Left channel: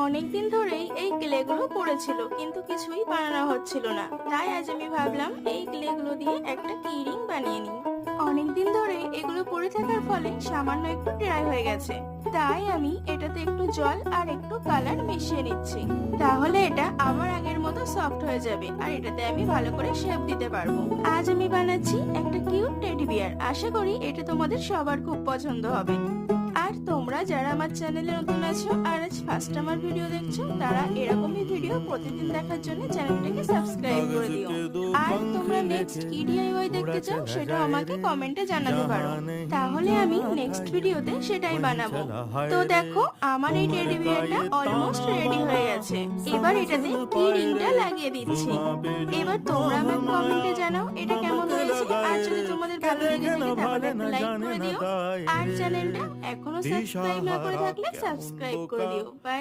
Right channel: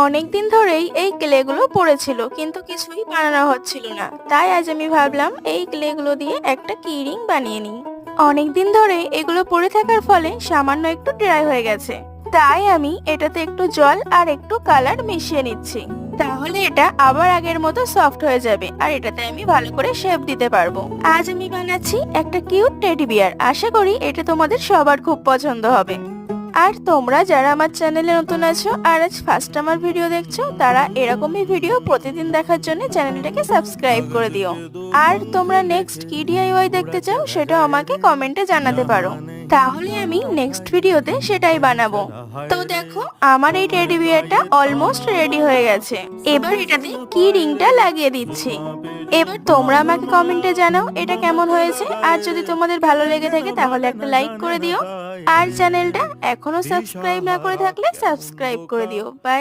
অনেকদিন ধরেই এই ক্লেগুলো পড়েছিল কিন্তু কিছুই বানানো হচ্ছিল না। তাই আজ আমি ভাবলাম এই ক্লেগুলো দিয়ে একটা কি রিং বানিয়ে নিই। অনেকদিন ধরে এগুলো পড়ে থাকার ফলে সামান্য একটু ড্রাই হয়ে গেছে। তাই আমি এটাতে একটু জল আর একটু কালার মিশিয়ে নিচ্ছি। তাহলে এটা আবার আগের মতো সফট হয়ে যাবে আর এটাতে আমি ভালো করে শেপ দিতে পারবো। আজ আমি বানাচ্ছি একটা কিউট টেডি বিয়ার। আশা করি এটা তোমাদের সবার খুব পছন্দ হবে। আর তোমরা যারা আমার চ্যানেলে নতুন আছো আর আজ ফার্স্ট আমার ভিডিও দেখছো, তারা এরকমই ভিডিও প্রতিদিন দেখার জন্য চ্যানেলটাকে সাবস্ক্রাইব করে দিও। আর তোমরা নেক্সট কি ডিআইওয়াই দেখতে চাও সেটাও আমাকে কমেন্টে জানাতে পারো, তাহলে আমি নেক্সট ভিডিওতে সেটাই বানাবো। তো দেখো আমার এই টেডি বিয়ারটা অলমোস্ট রেডি হয়ে গেছে। এবার এটাতে কি রিংটা লাগিয়ে দিচ্ছি। এবার তোমরা আমাকে কমেন্টে জানাও এটা কেমন হয়েছে। আর যদি তোমাদের ভালো লেগে থাকে তাহলে একটা লাইক করে দিও। আর চ্যানেলটা এখনো সাবস্ক্রাইব না করে থাকলে সাবস্ক্রাইব করে দিও। বাই।